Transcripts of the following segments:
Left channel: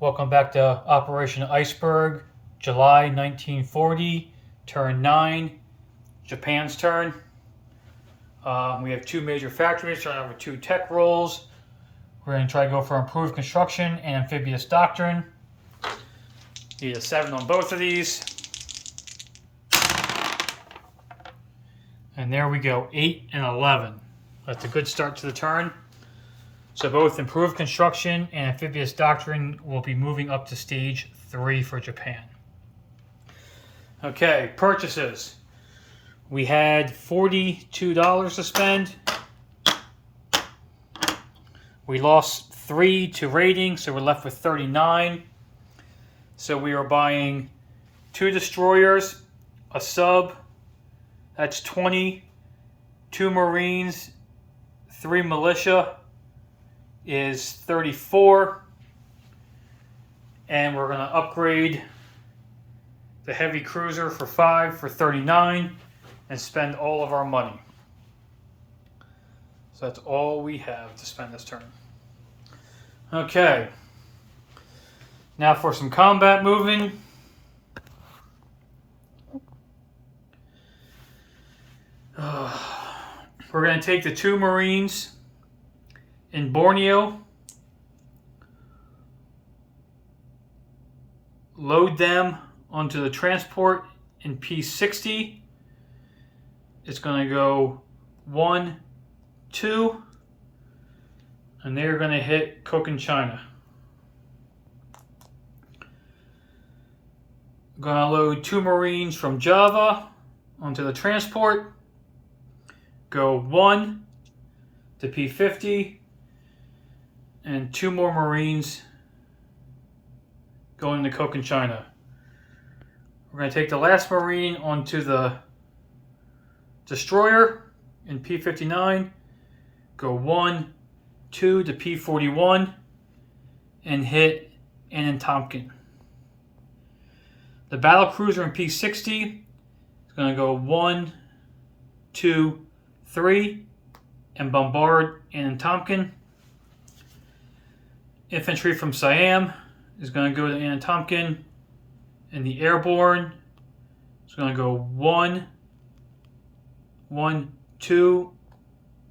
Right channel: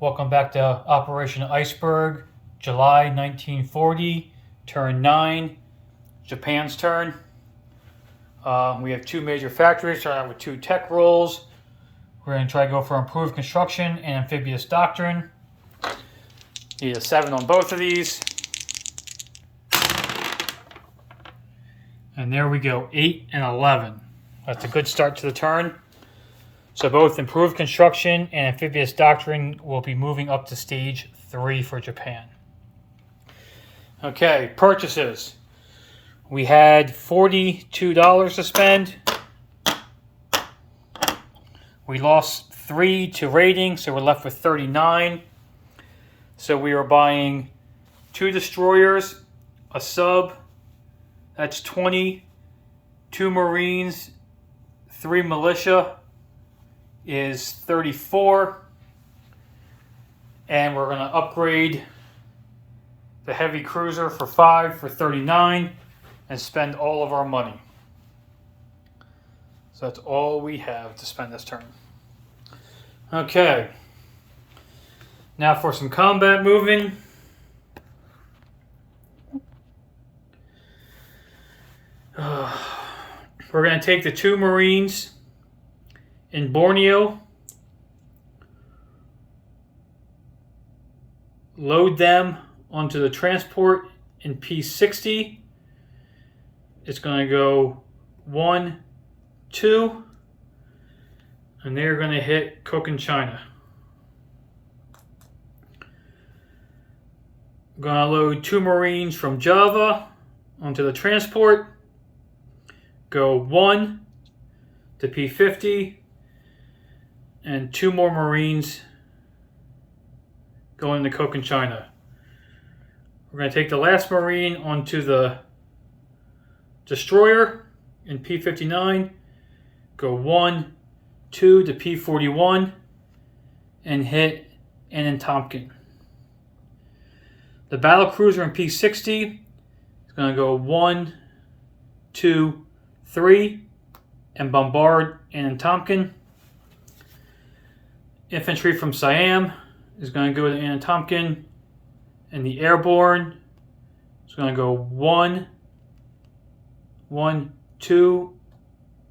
Welcome back to Operation Iceberg, July 1940, turn 9, Japan's turn. We have two major factories, starting out with two tech roles. We're going to try to go for improved construction and amphibious doctrine. Need a 7 on both of these. And there we go, 8 and 11. That's a good start to the turn. So both improved construction and amphibious doctrine will be moving up to stage 3 for Japan. Okay, purchases. We had $42 to spend. We lost 3 to rating, so we're left with 39. So we are buying 2 destroyers, a sub, that's 20, 2 Marines, 3 militia is 34, and we're going to upgrade the heavy cruiser for 5 for 39 and spend all of our money. So that's all we have to spend this turn. Okay, now for some combat moving. We're going to take the 2 Marines in Borneo, load them onto the transport in P60. It's going to go 1, 2, and they're going to hit Cochinchina. I'm going to load 2 Marines from Java onto the transport, go 1 to P50, and 2 more Marines going to Cochinchina. We're going to take the last Marine onto the destroyer in P59, go 1, 2 to P41, and hit Anantomkin. The battle cruiser in P60 is going to go 1, 2, 3, and bombard Anantomkin. Infantry from Siam is going to go to Anantomkin, and the airborne is going to go 1, 1, 2,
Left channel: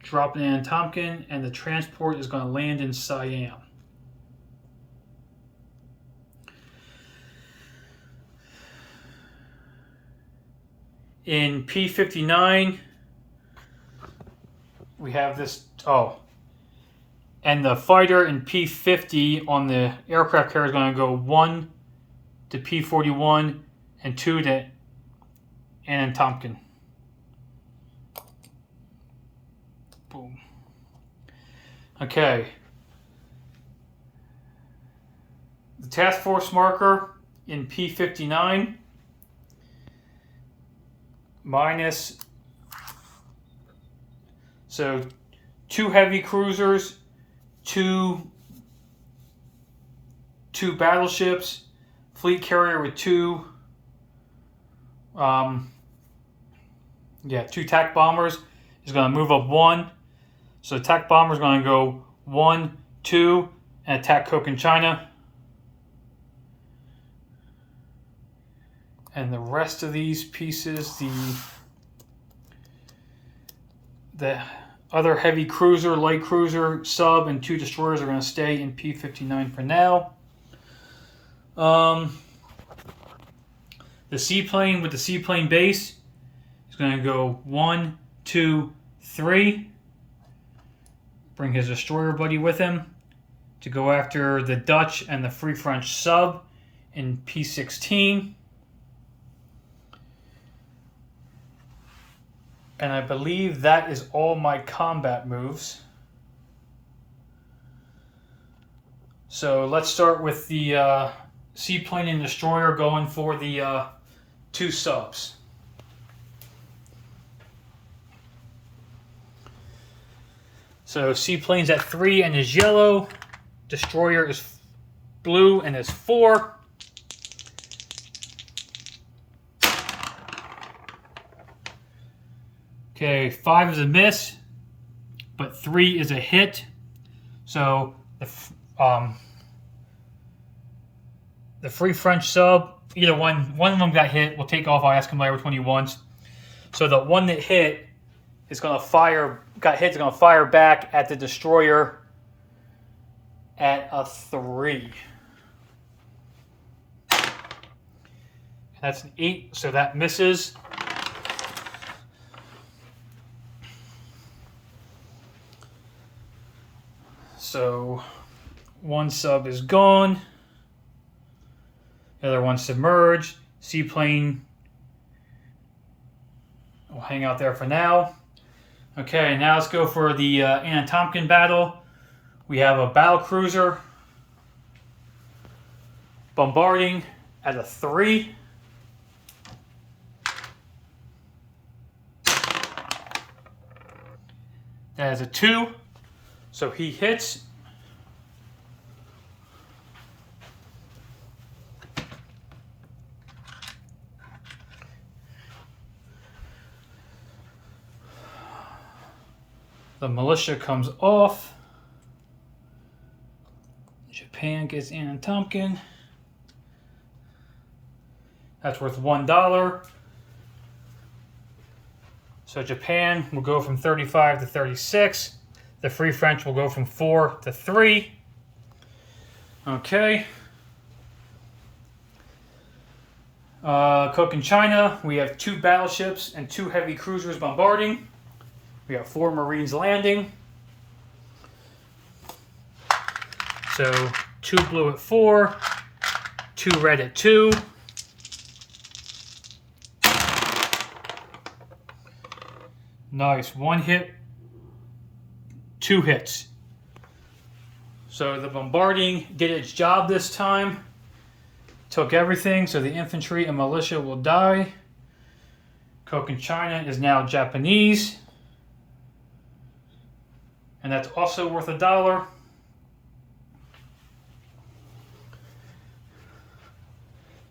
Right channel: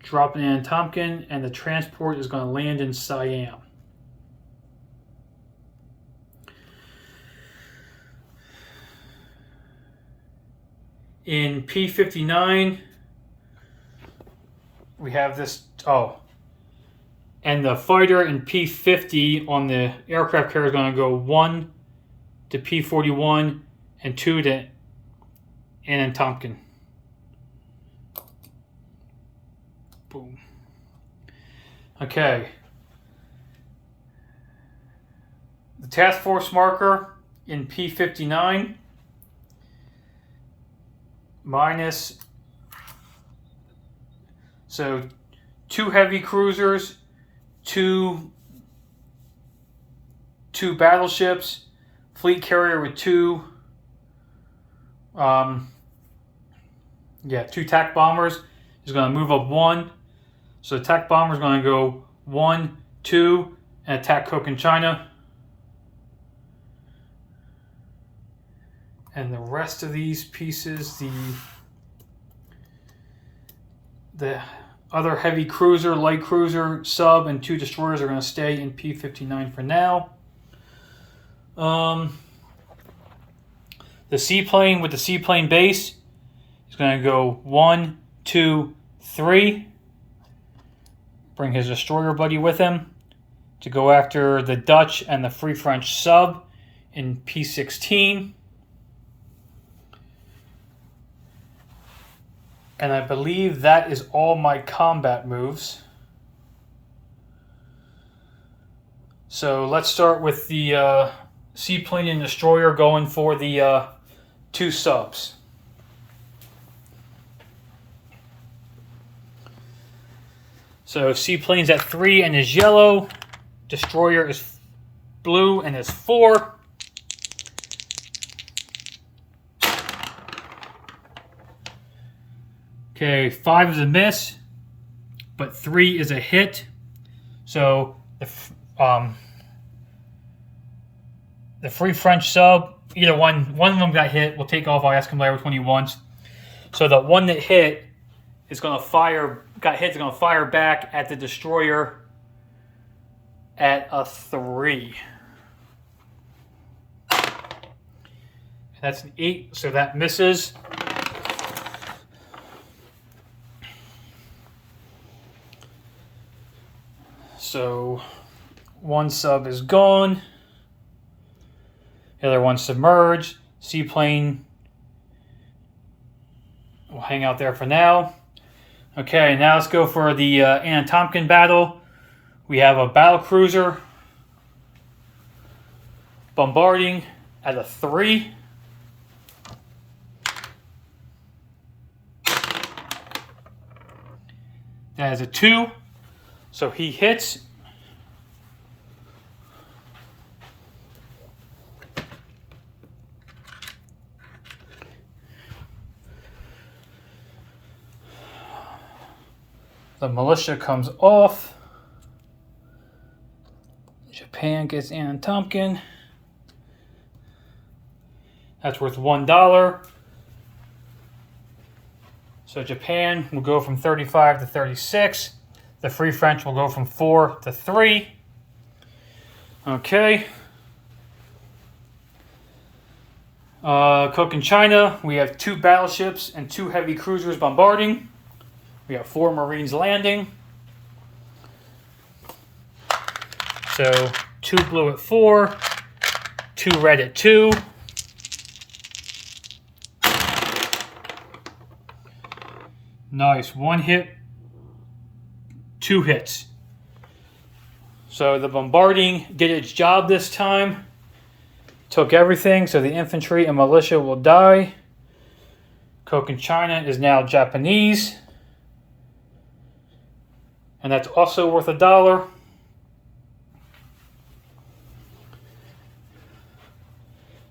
drop in Anantomkin, and the transport is going to land in Siam. In P59, we have this, and the fighter in P50 on the aircraft carrier is going to go 1 to P41 and 2 to Anantomkin. Boom. Okay. The task force marker in P59 minus, so 2 heavy cruisers, 2 battleships, fleet carrier with 2 TAC bombers is going to move up 1. So the TAC bomber is going to go 1, 2, and attack Cochinchina. And the rest of these pieces, the other heavy cruiser, light cruiser, sub, and 2 destroyers are going to stay in P59 for now. The seaplane with the seaplane base is going to go 1, 2, 3. Bring his destroyer buddy with him to go after the Dutch and the Free French sub in P16. And I believe that is all my combat moves. So let's start with the seaplane and destroyer going for the 2 subs. So seaplane's at 3 and is yellow. Destroyer is blue and is 4. Okay, 5 is a miss, but 3 is a hit. So the free French sub, either one of them got hit. We'll take off. I'll ask him later which one he wants. So the one that hit is going to fire. Got hit is going to fire back at the destroyer at a 3. That's an 8, so that misses. So one sub is gone. The other one submerged. Seaplane will hang out there for now. Okay, now let's go for the Anna Tompkin battle. We have a battle cruiser bombarding at a 3. That is a 2. So he hits. The militia comes off. Japan gets Anna Tompkin. That's worth $1. So Japan will go from 35 to 36. The Free French will go from 4 to 3. Okay. Coke in China, we have 2 battleships and 2 heavy cruisers bombarding. We have 4 Marines landing. So 2 blue at 4, 2 red at 2. Nice. 1 hit, 2 hits. So the bombarding did its job this time. Took everything, so the infantry and militia will die. Coke in China is now Japanese. And that's also worth $1.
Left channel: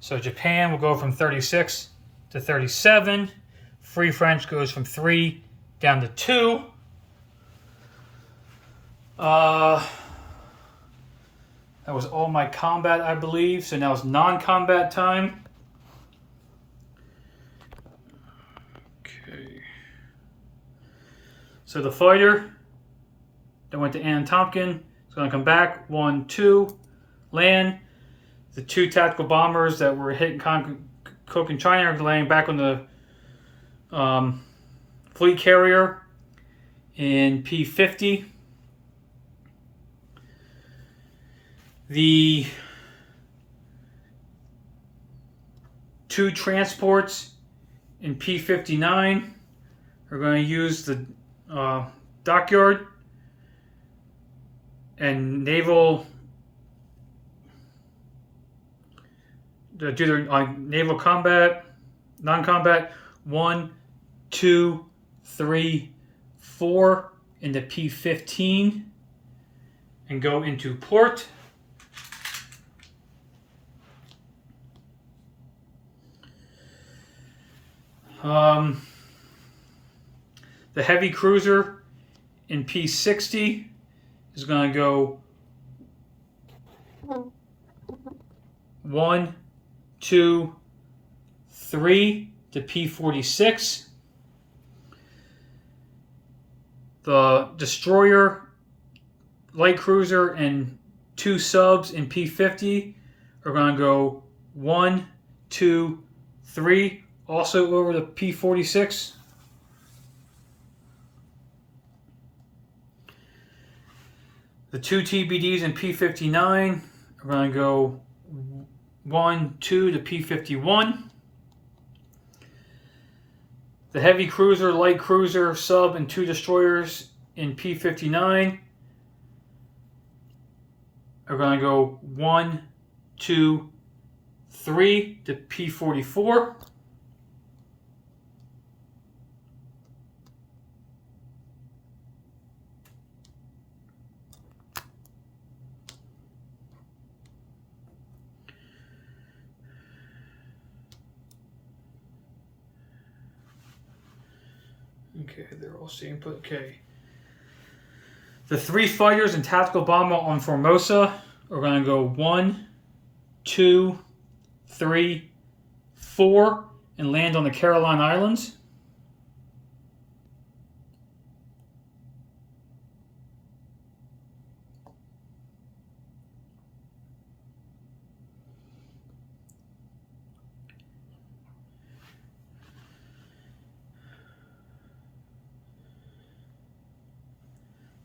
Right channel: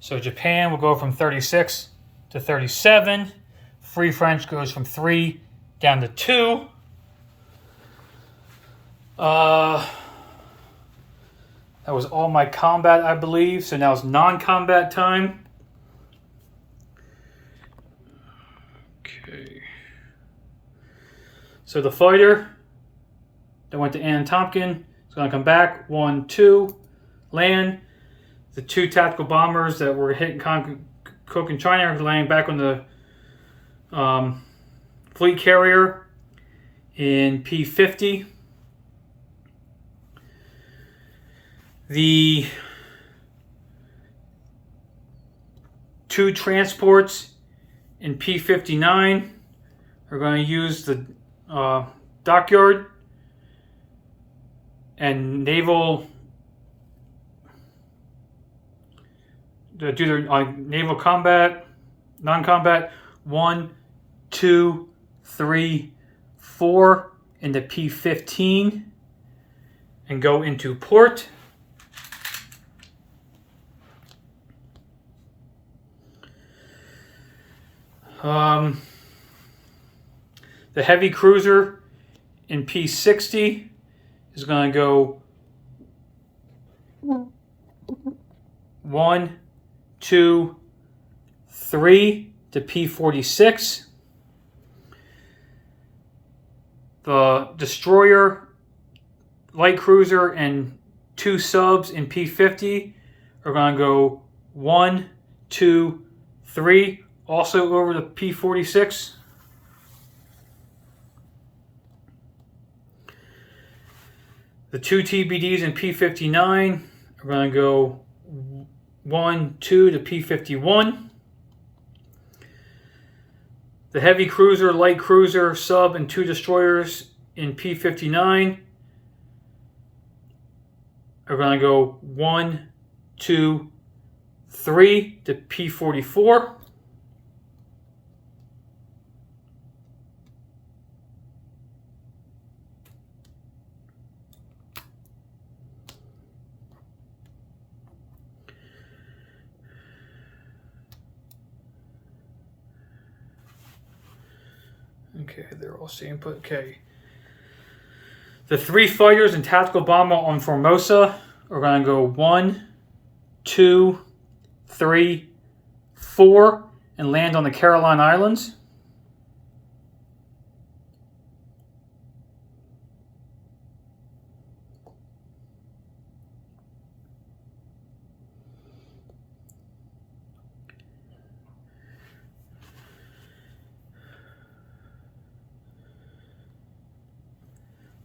So Japan will go from 36 to 37. Free French goes from 3 down to 2. That was all my combat, I believe. So now it's non-combat time. Okay. So the fighter that went to Anna Tompkin is going to come back. 1, 2, land. The 2 tactical bombers that were hitting Coke in China are laying back on the fleet carrier in P50. The 2 transports in P59 are going to use the dockyard and naval to do their naval combat, non-combat. 1, 2, 3, 4 into P15 and go into port. The heavy cruiser in P60 is going to go 1, 2, 3 to P46. The destroyer, light cruiser, and 2 subs in P50 are going to go 1, 2, 3, also over to P46. The 2 TBDs in P59 are going to go 1, 2 to P51. The heavy cruiser, light cruiser, sub, and 2 destroyers in P59 are going to go 1, 2, 3 to P44. Okay, they're all same put. Okay. The 3 fighters and tactical bomber on Formosa are going to go 1, 2, 3, 4, and land on the Caroline Islands.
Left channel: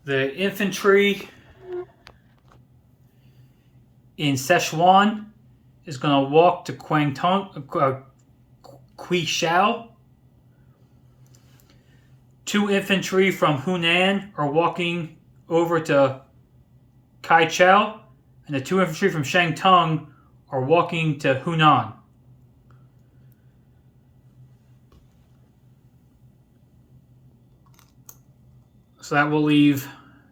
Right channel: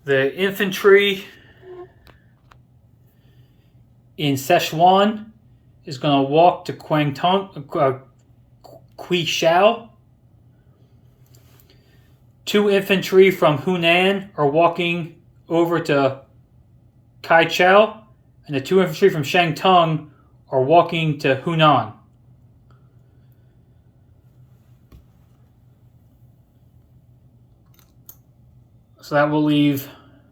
The infantry in Sichuan is going to walk to Quishao. 2 infantry from Hunan are walking over to Kaichao, and the 2 infantry from Shantung are walking to Hunan. So that will leave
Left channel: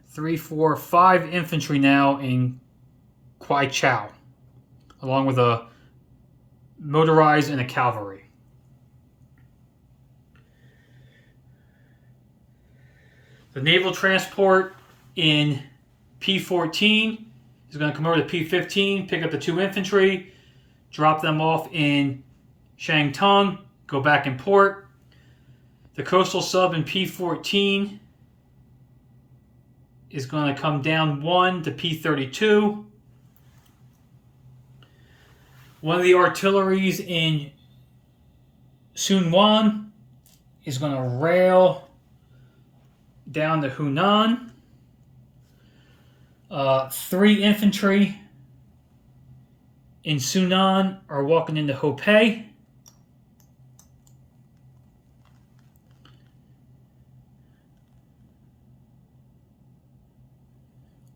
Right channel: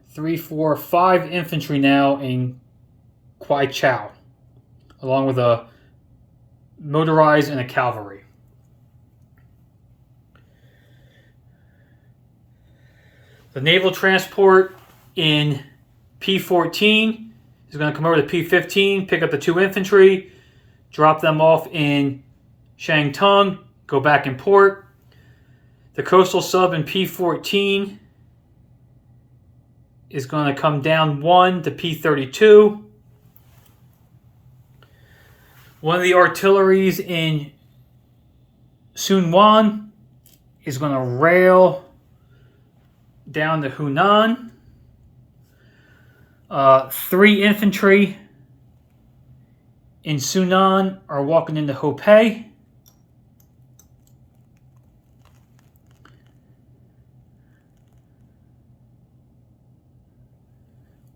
3, 4, 5 infantry now in Kwaichao, along with a motorized and a cavalry. The naval transport in P14 is going to come over to P15, pick up the 2 infantry, drop them off in Shantung, go back in port. The coastal sub in P14 is going to come down 1 to P32. One of the artilleries in Sunwan is going to rail down to Hunan. 3 infantry in Sunan are walking into Hopei.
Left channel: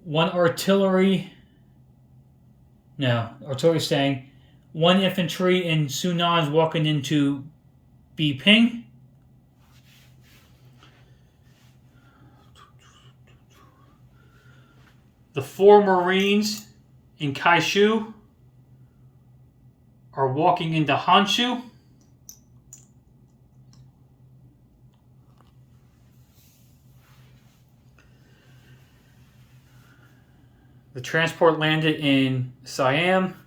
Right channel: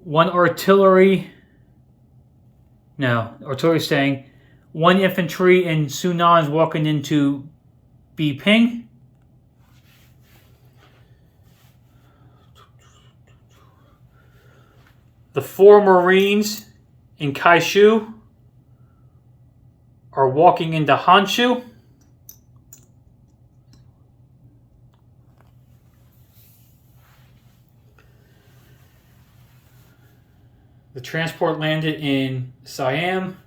Artillery staying. 1 infantry in Sunan is walking into Biping. The 4 Marines in Kaishu are walking into Honshu. The transport landed in Siam.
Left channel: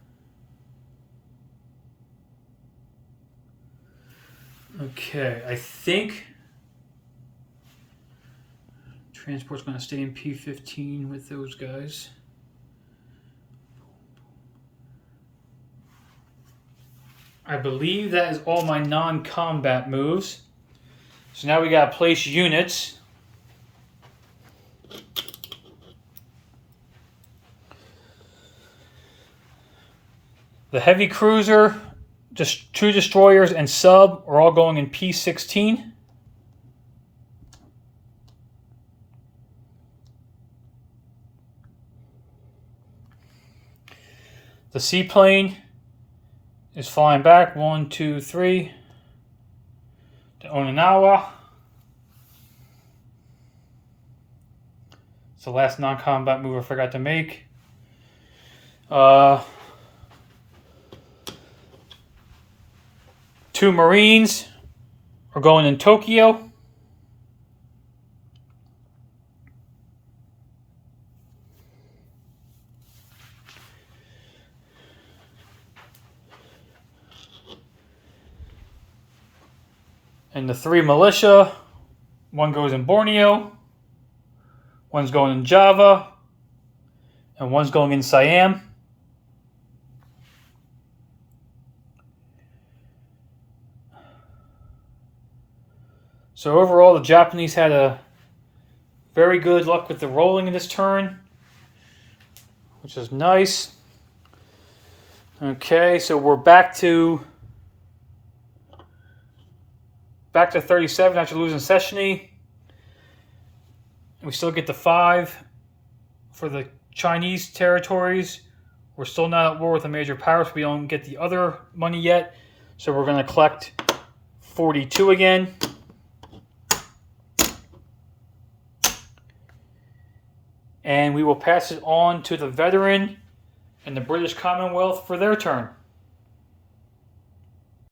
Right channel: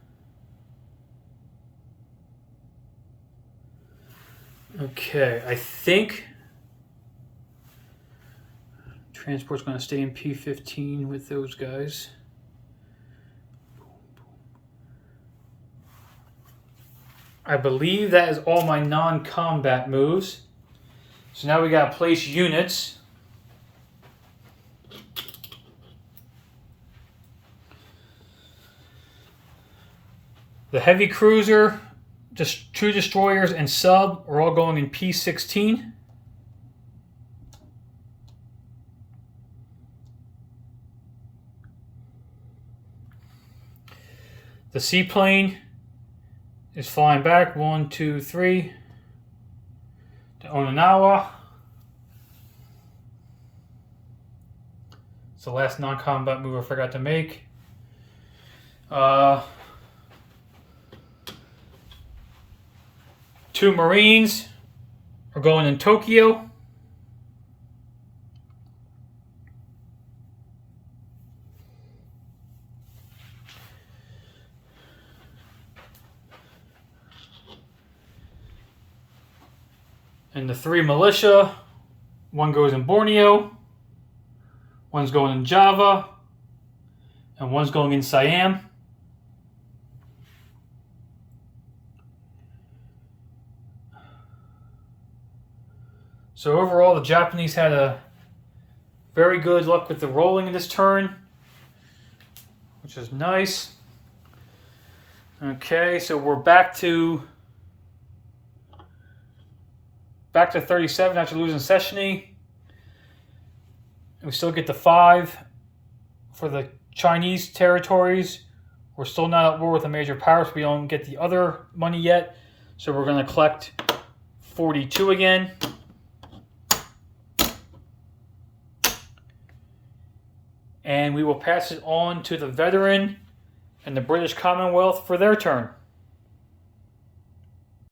Okay, I think transport's going to stay in P15 with those guys. I believe that is all my non-combat moves. So now we got to place units. The heavy cruiser, just 2 destroyers and sub are all going in P16. The seaplane is flying back 1, 2, 3 to Oninawa. It's the last non-combat move I forgot to make. 2 Marines are going in Tokyo. And the 3 militia, 1 goes in Borneo, 1's going in Java, and 1's going in Siam. So overall, the Japanese had a very good luck with the rolling in this turn, which is nice. Okay, so we're back to 37 after losing Sechny. We still get the 5 for the Chinese territories. We're still not at war with a major power, so we don't get the other money yet. So we're going to collect 42 again. And we will pass it on to the veteran and the British Commonwealth for their turn.